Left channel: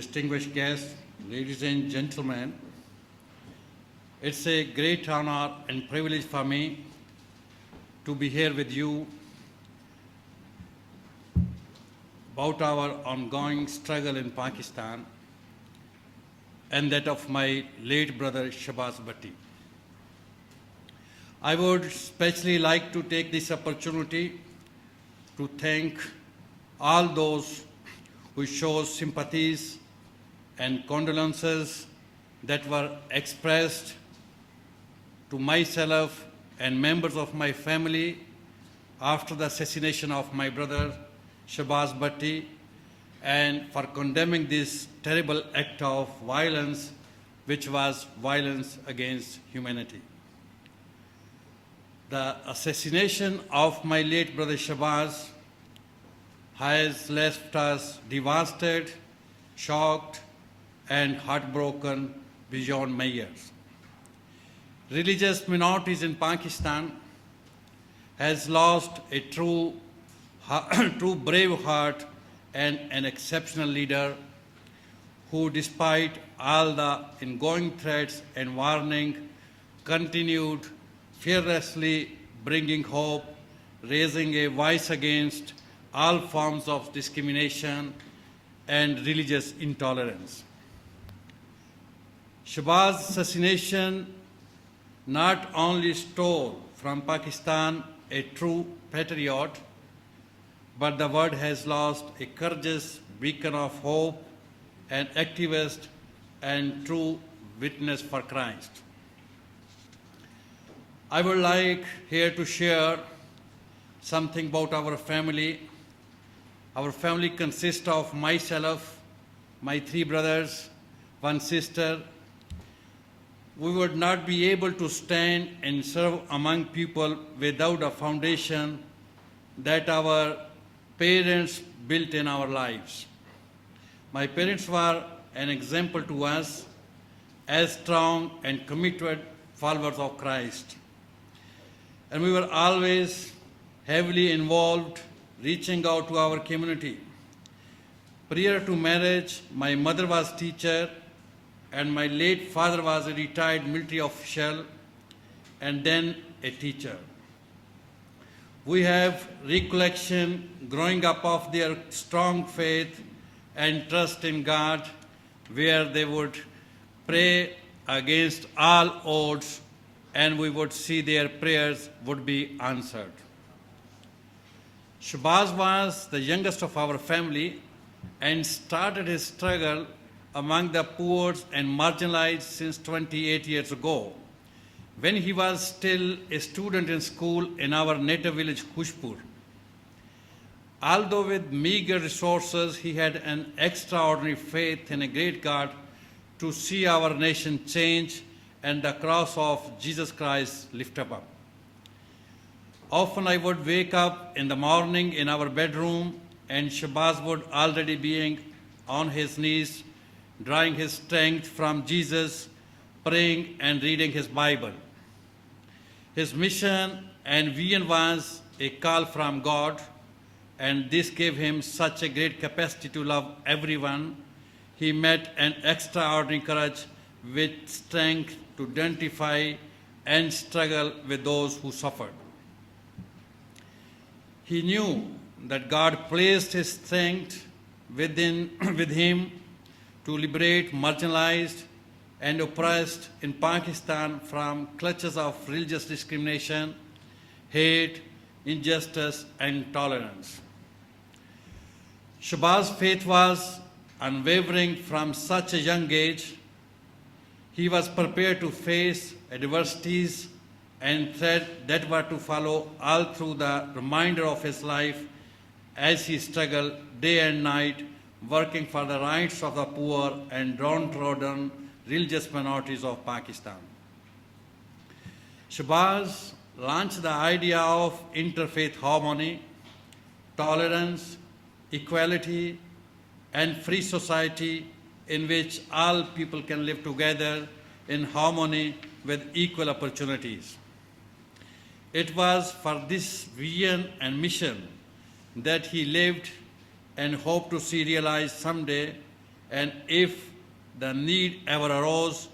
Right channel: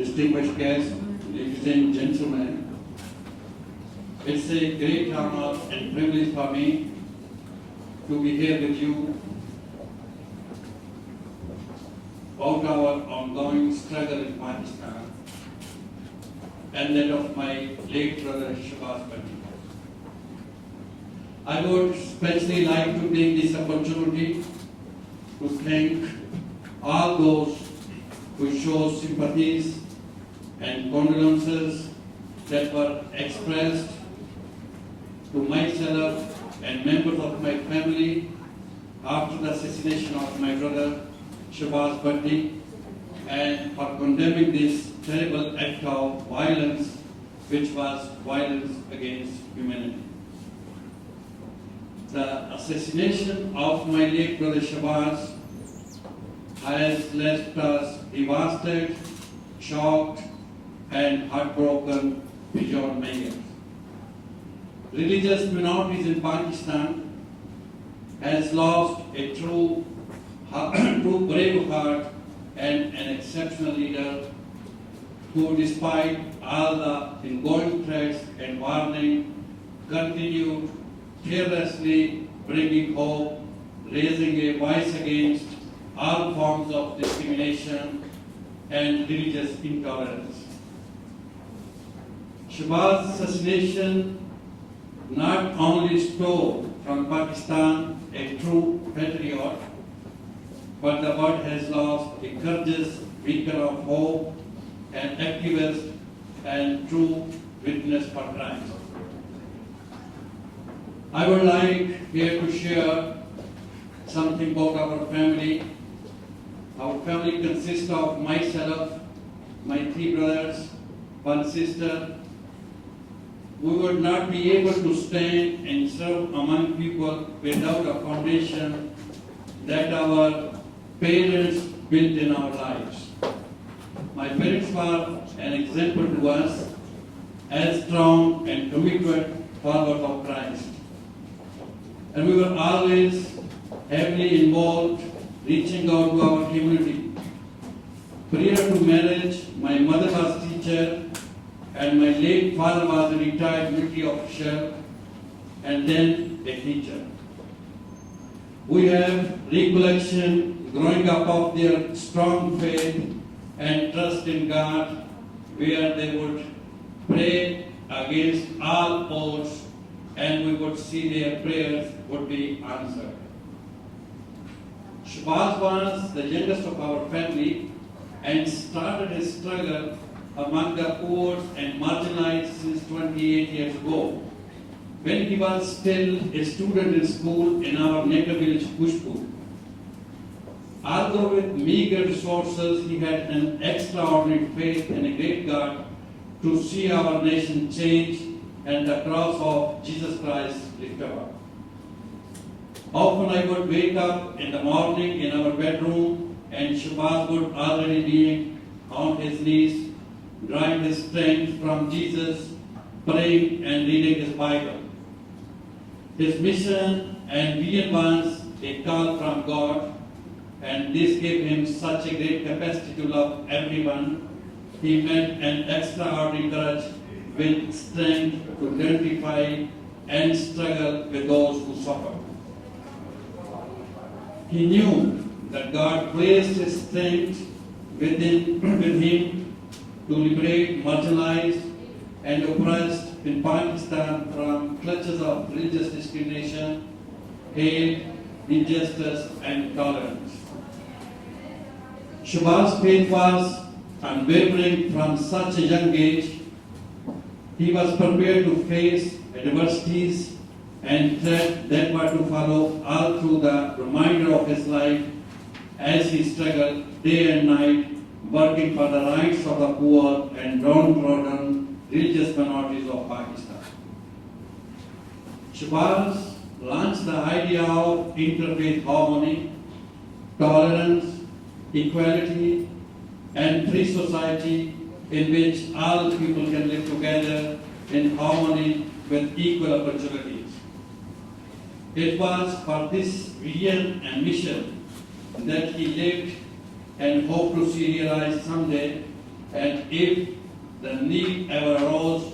distinguished guests, ladies and gentlemen, it's a great honor and privilege for me to be here with you about our ongoing struggle in Pakistan and that of my late brother Shahbaz Bhatti. I would especially like to take this opportunity to thank all those who show sympathies and condolences that were expressed to myself and members of my family after the assassination of my brother Shahbaz Bhatti, and for condemning this terrible act of violence, which was violence against humanity. The assassination of my late brother Shahbaz has left us devastated, shocked, and heartbroken beyond measure. Religious minorities in Pakistan has lost a true brave heart and an exceptional leader who, despite all the ongoing threats and warning, continued fearlessly bringing hope, raising a voice against all forms of discrimination and religious intolerance. Shahbaz's assassination not only stole from Pakistan a true patriot, but the world has lost a courageous beacon of hope, an activist and true witness for Christ. I would like here to share something about our family. Our family consists of myself, my 3 brothers, 1 sister. We would not be able to stand and serve among people without a foundation that our parents built in our lives. My parents were an example to us as strong and committed followers of Christ. And we were always heavily involved, reaching out to our community. Prior to marriage, my mother was teacher and my late father was a retired military official and then a teacher. We have recollection growing up of their strong faith and trust in God, where they would pray against all odds and we would see their prayers would be answered. Shahbaz was the youngest of our family and started his struggle among the poor and marginalized since 28 years ago, when he was still a student in school in our native village, Khushpur. Although with meager resources, he had an extraordinary faith in a great God to see our nation change and the cross of Jesus Christ lifted up. Often I would wake up in the morning in our bedroom and Shahbaz would already be on his knees, drawing his strength from Jesus, praying and reading his Bible. His mission and vision was a call from God, and this gave him such a great capacity to love everyone. He met an extraordinary courage with strength to identify and struggle with those who suffered. He knew that God placed his strength with him to liberate marginalized and oppressed in Pakistan from clutches of religious discrimination, hate, injustice, and intolerance. Shahbaz's faith was unwavering from such a young age. He was prepared to face adversities and threats that were to follow all through the remainder of his life as he struggled day and night, working for the rights of the poor and downtrodden religious minorities of Pakistan. Shahbaz launched the idea of interfaith harmony, tolerance, equality, and free society in which all people can live together in harmony with equal opportunities. It was for this vision and mission that he lived and hoped to see realized someday and if the need ever arose,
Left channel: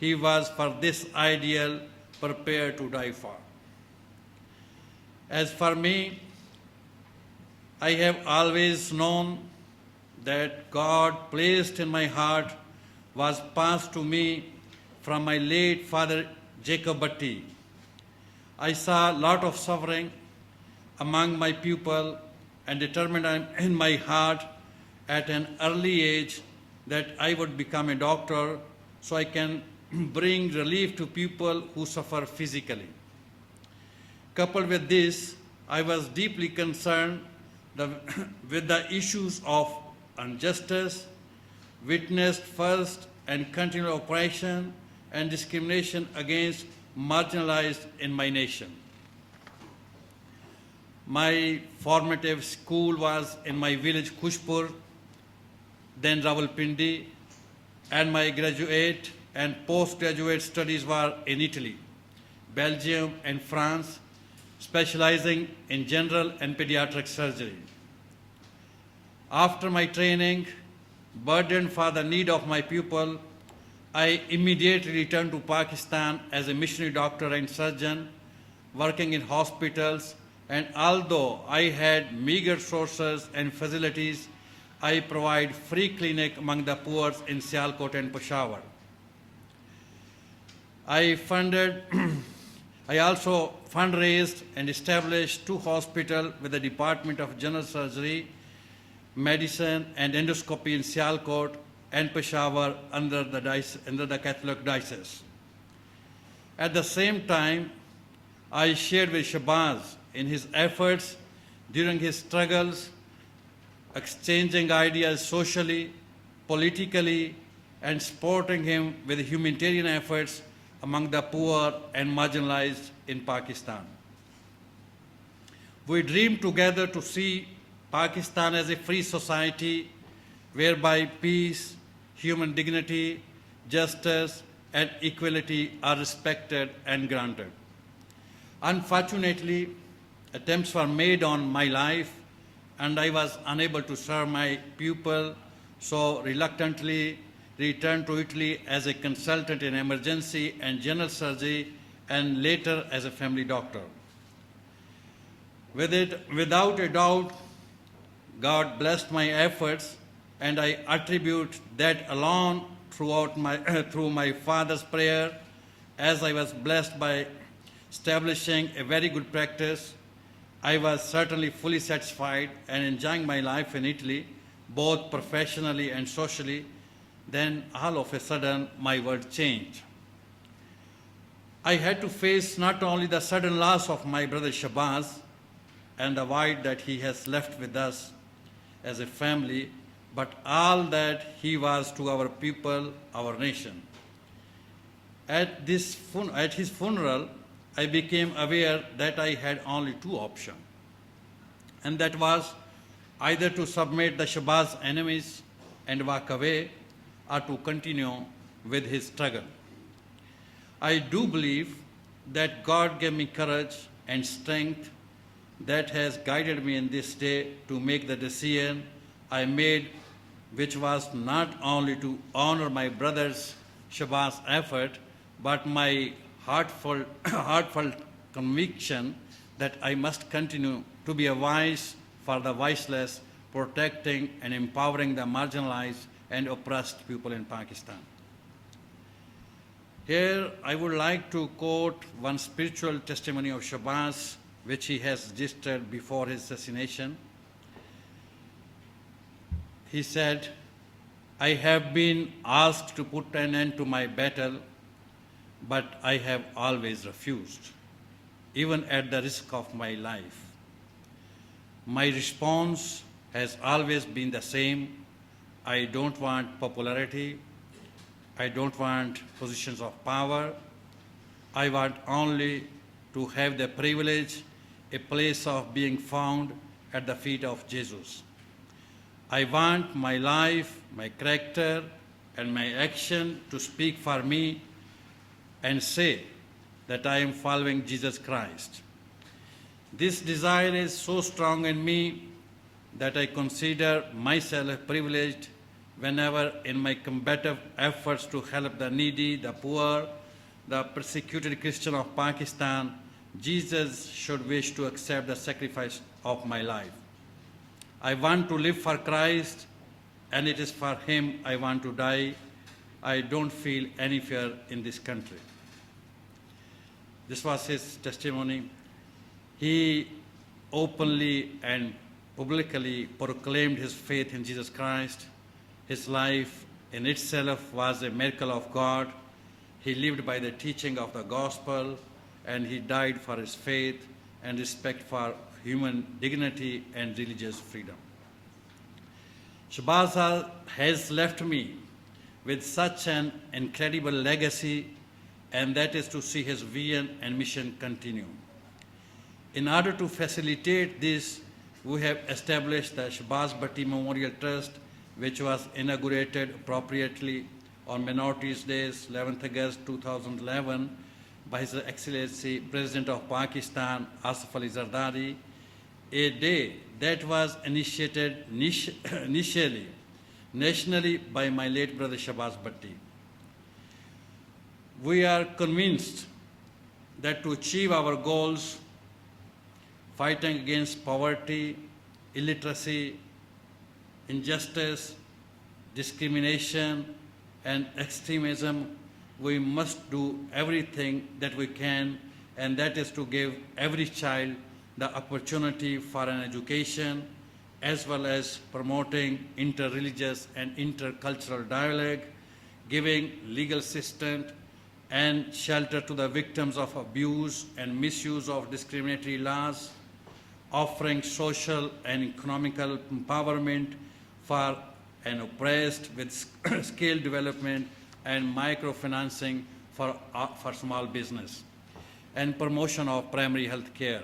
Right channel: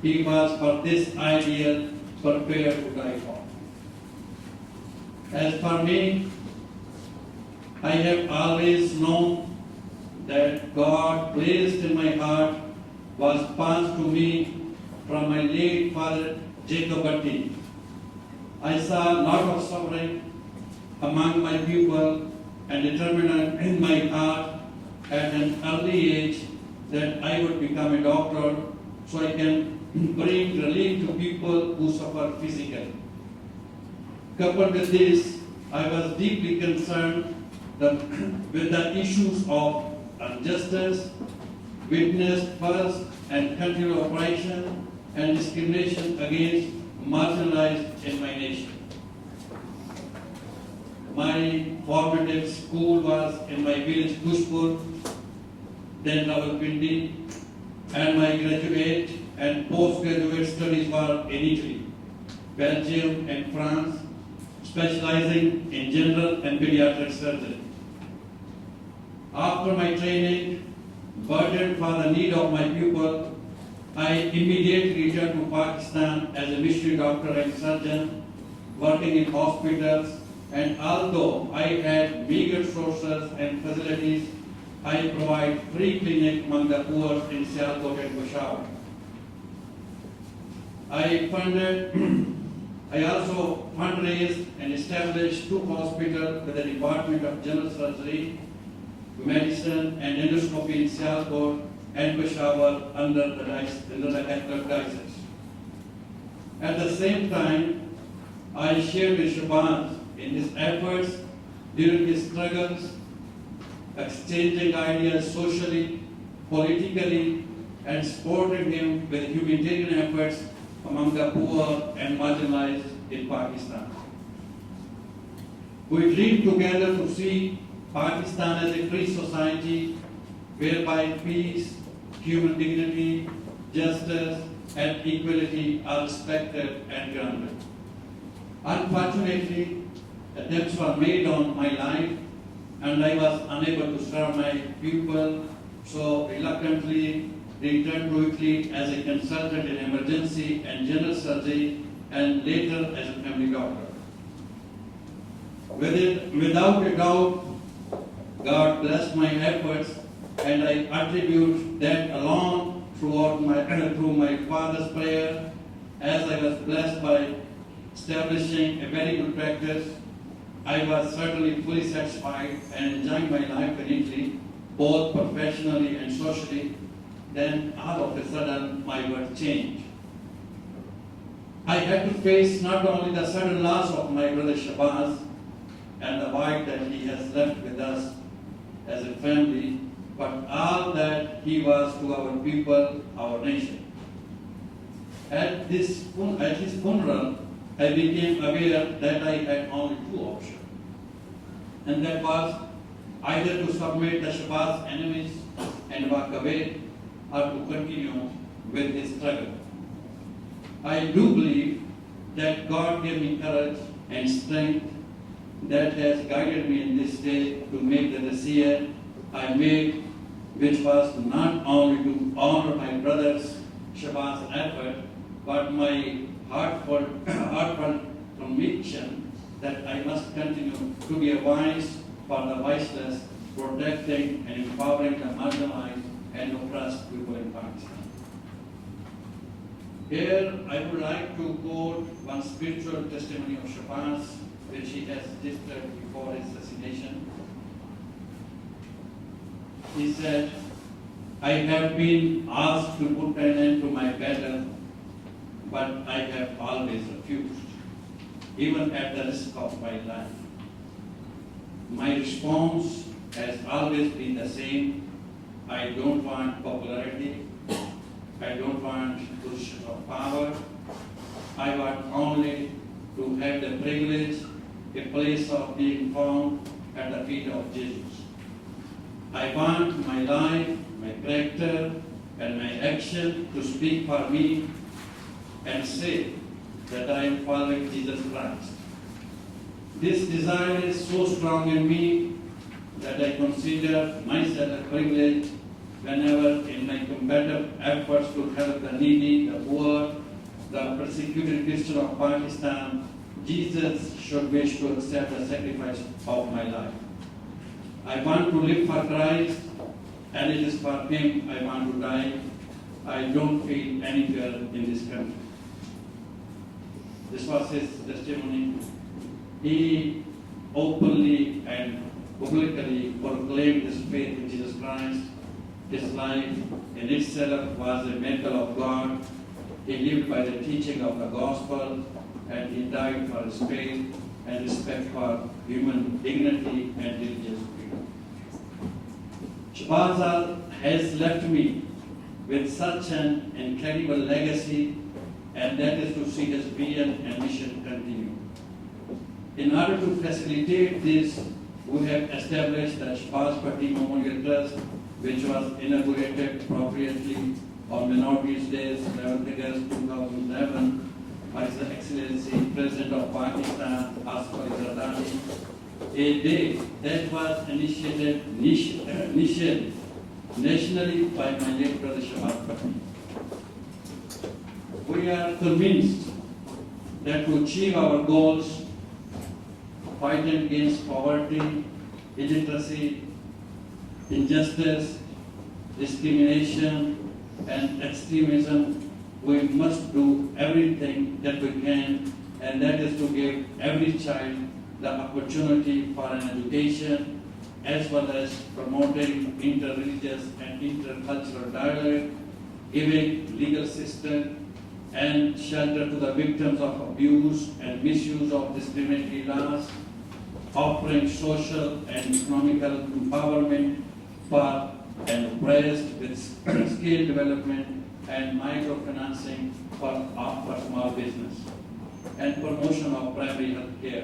he was for this ideal prepared to die for. As for me, I have always known that God placed in my heart was passed to me from my late father Jacob Bhatti. I saw a lot of suffering among my people and determined in my heart at an early age that I would become a doctor so I can bring relief to people who suffer physically. Coupled with this, I was deeply concerned with the issues of injustice witnessed first and continual oppression and discrimination against marginalized in my nation. My formative school was in my village Kushpur, then Rawalpindi, and my graduate and postgraduate studies were in Italy, Belgium, and France, specializing in general and pediatric surgery. After my training, burdened for the need of my pupil, I immediately returned to Pakistan as a missionary doctor and surgeon, working in hospitals, and although I had meager resources and facilities, I provide free clinic among the poor in Sialkot and Peshawar. I also fundraised and established 2 hospitals with the Department of General Surgery, Medicine and Endoscopy in Sialkot and Peshawar under the Catholic Diocese. At the same time, I shared with Shabazz in his efforts during his struggles, exchanging ideas socially, politically, and supporting him with humanitarian efforts among the poor and marginalized in Pakistan. We dreamed together to see Pakistan as a free society whereby peace, human dignity, justice, and equality are respected and granted. Unfortunately, attempts were made on my life and I was unable to serve my pupil, so reluctantly returned to Italy as a consultant in emergency and general surgery and later as a family doctor. Without a doubt, God blessed my efforts and I attribute that alone through my father's prayer as I was blessed by establishing a very good practice. I was certainly fully satisfied and enjoying my life in Italy, both professionally and socially. Then all of a sudden my world changed. I had to face not only the sudden loss of my brother Shabazz and the void that he has left with us as a family, but all that he was to our people, our nation. At his funeral, I became aware that I had only 2 options, and that was either to submit the Shabazz enemies and walk away, or to continue with his struggle. I do believe that God gave me courage and strength that has guided me in this day to make the decision I made, which was not only to honor my brother's Shabazz effort, but my heartfelt conviction that I must continue to be a voice for the voiceless, protecting and empowering the marginalized and oppressed people in Pakistan. Here, I would like to quote one spiritual testimony of Shabazz, which he has registered before his assassination. He said, "I have been asked to put an end to my battle, but I have always refused, even at the risk of my life. My response has always been the same. I don't want popularity. I don't want positions of power. I want only to have the privilege, a place of being found at the feet of Jesus. I want my life, my character, and my action to speak for me and say that I am following Jesus Christ. This desire is so strong in me that I consider myself privileged whenever in my combative efforts to help the needy, the poor, the persecuted Christian of Pakistan, Jesus should wish to accept the sacrifice of my life. I want to live for Christ, and it is for Him I want to die. I don't feel any fear in this country. This was his testimony. He openly and publicly proclaimed his faith in Jesus Christ. His life in itself was a miracle of God. He lived by the teaching of the gospel, and he died for his faith and respect for human dignity and religious freedom. Shahbaz has left me with such an incredible legacy, and that is to see his vision and mission continue. In order to facilitate this, we have established the Shahbaz Bhatti Memorial Trust, which was inaugurated appropriately on Minorities Day, 11th August 2011, by His Excellency President of Pakistan, Asif Ali Zardari, a day that was initiated initially nationally by my late brother Shahbaz Bhatti. We are convinced that to achieve our goals, fighting against poverty, illiteracy, injustice, discrimination, and extremism, we must do everything that we can, and that is to give every child the opportunity for an education, as well as promoting interreligious and intercultural dialogue, giving legal assistance and shelter to the victims of abuse and misuse of discriminatory laws, offering social and economical empowerment for an oppressed with skill development and microfinancing for small business, and promotion of primary health care.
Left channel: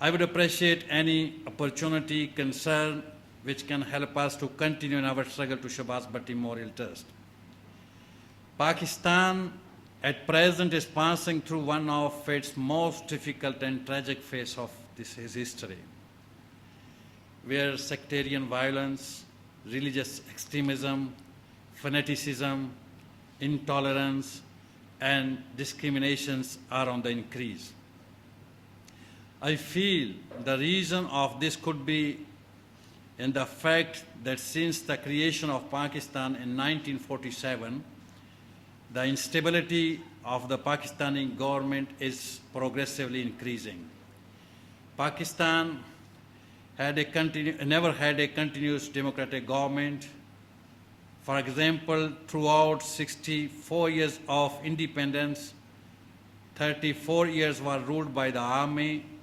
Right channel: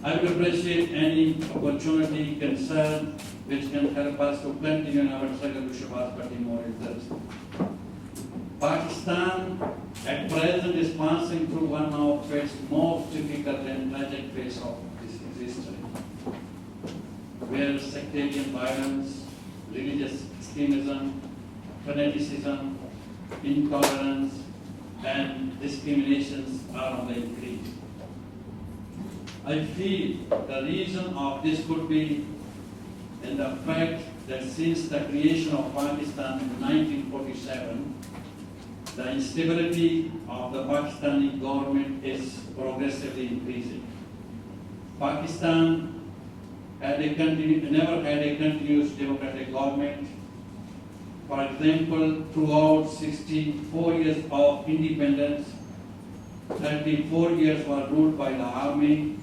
I would appreciate any opportunity, concern, which can help us to continue in our struggle to Shahbaz Bhatti Memorial Trust. Pakistan at present is passing through one of its most difficult and tragic phase of its history, where sectarian violence, religious extremism, fanaticism, intolerance, and discriminations are on the increase. I feel the reason of this could be in the fact that since the creation of Pakistan in 1947, the instability of the Pakistani government is progressively increasing. Pakistan never had a continuous democratic government. For example, throughout 64 years of independence, 34 years were ruled by the army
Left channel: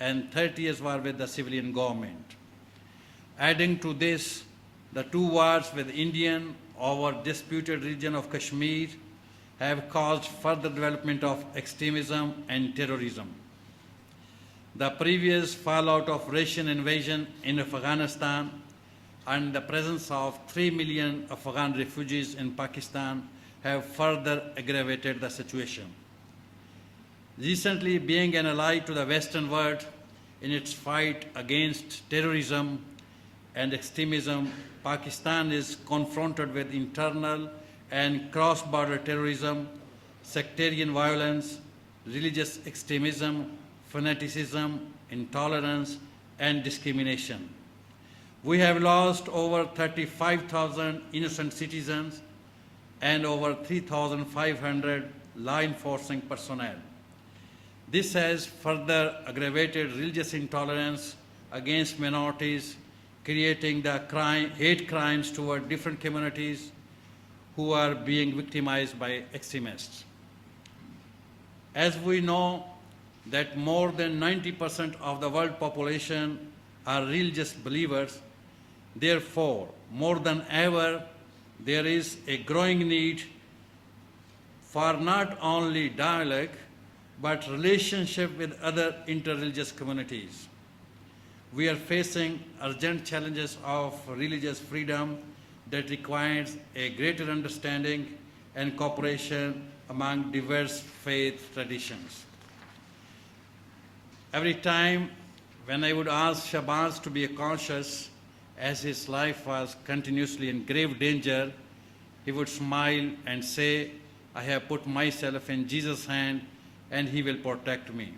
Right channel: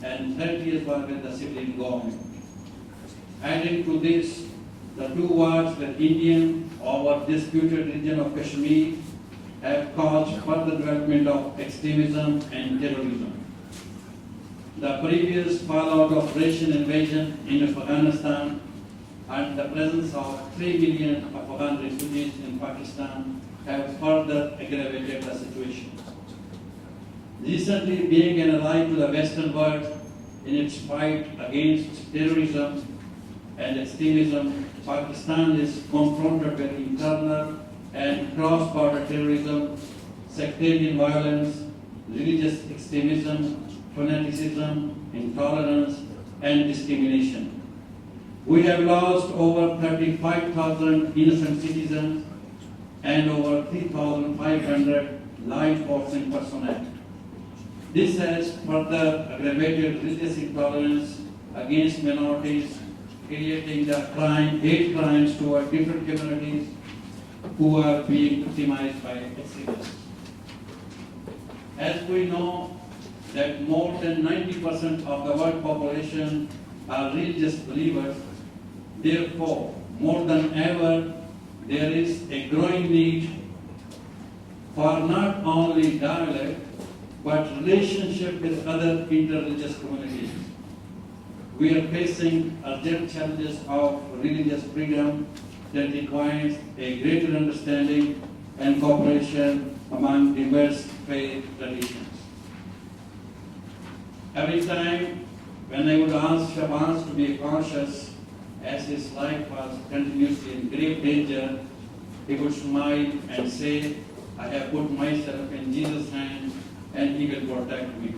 and 30 years were with the civilian government. Adding to this, the two wars with Indian over disputed region of Kashmir have caused further development of extremism and terrorism. The previous fallout of Russian invasion in Afghanistan and the presence of 3 million Afghan refugees in Pakistan have further aggravated the situation. Recently, being an ally to the Western world in its fight against terrorism and extremism, Pakistan is confronted with internal and cross-border terrorism, sectarian violence, religious extremism, fanaticism, intolerance, and discrimination. We have lost over 35,000 innocent citizens and over 3,500 law enforcing personnel. This has further aggravated religious intolerance against minorities, creating the hate crimes toward different communities who are being victimized by extremists. As we know that more than 90% of the world population are religious believers, therefore, more than ever, there is a growing need for not only dialogue, but relationship with other interreligious communities. We are facing urgent challenges of religious freedom that requires a greater understanding and cooperation among diverse faith traditions. Every time when I would ask Shahbaz to be conscious as his life was continuously in grave danger, he would smile and say, I have put myself in Jesus' hand and he will protect me.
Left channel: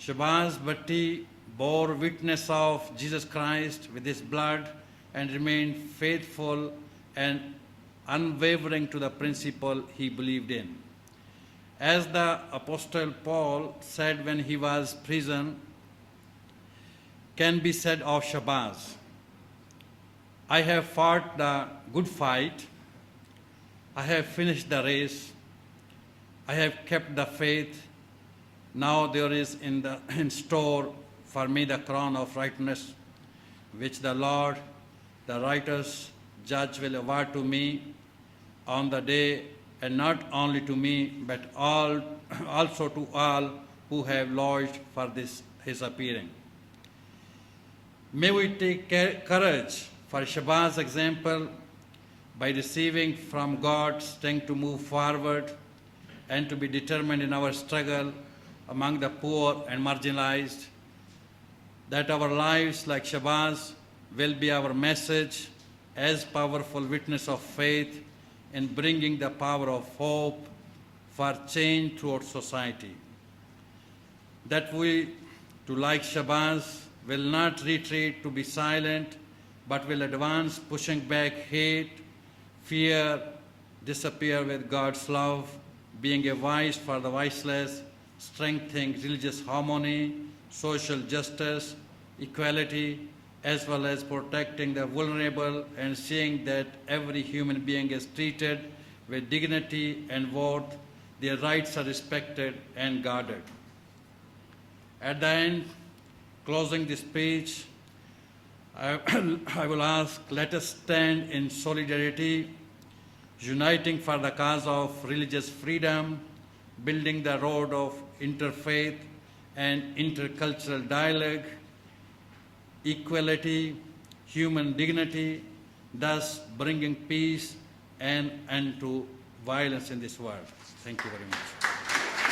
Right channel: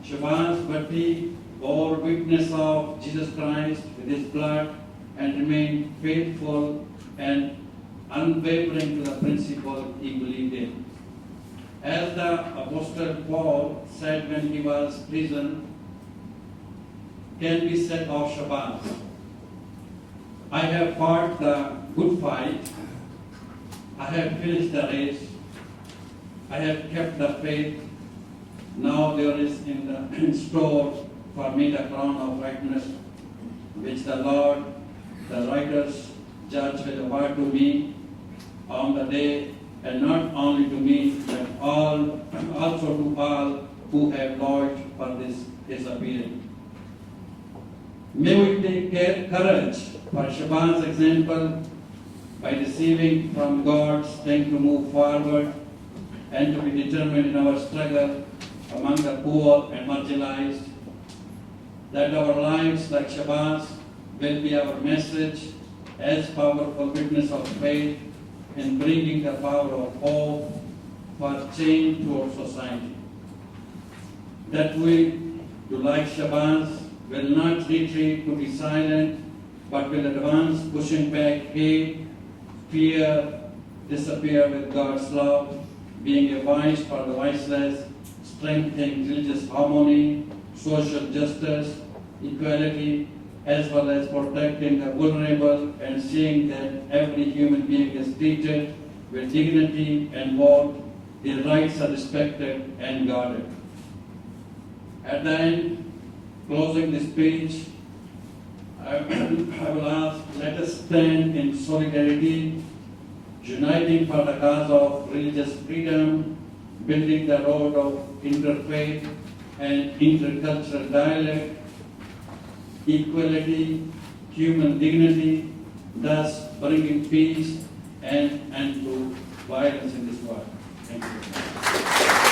Shabazz Bhatti bore witness of Jesus Christ with his blood and remained faithful and unwavering to the principle he believed in. As the Apostle Paul said when he was in prison, can be said of Shabazz, I have fought the good fight, I have finished the race, I have kept the faith. Now there is in store for me the crown of righteousness, which the Lord, the righteous judge, will award to me on the day, and not only to me, but also to all who have lodged for his appearing. May we take courage for Shabazz's example by receiving from God strength to move forward and to be determined in our struggle among the poor and marginalized, that our lives like Shabazz will be our message as powerful witness of faith in bringing the power of hope for change towards society. That we, to like Shabazz, will not retreat to be silent, but will advance, pushing back hate, fear, disappear with God's love, being a voice for the voiceless, strengthening religious harmony, social justice, equality, as well as protecting the vulnerable and seeing that every human being is treated with dignity and worth, their rights are respected and guarded. At the end, closing this speech, I will ask, let us stand in solidarity, uniting for the cause of religious freedom, building the road of interfaith and intercultural dialogue, equality, human dignity, thus bringing peace and to violence in this world. Thank you.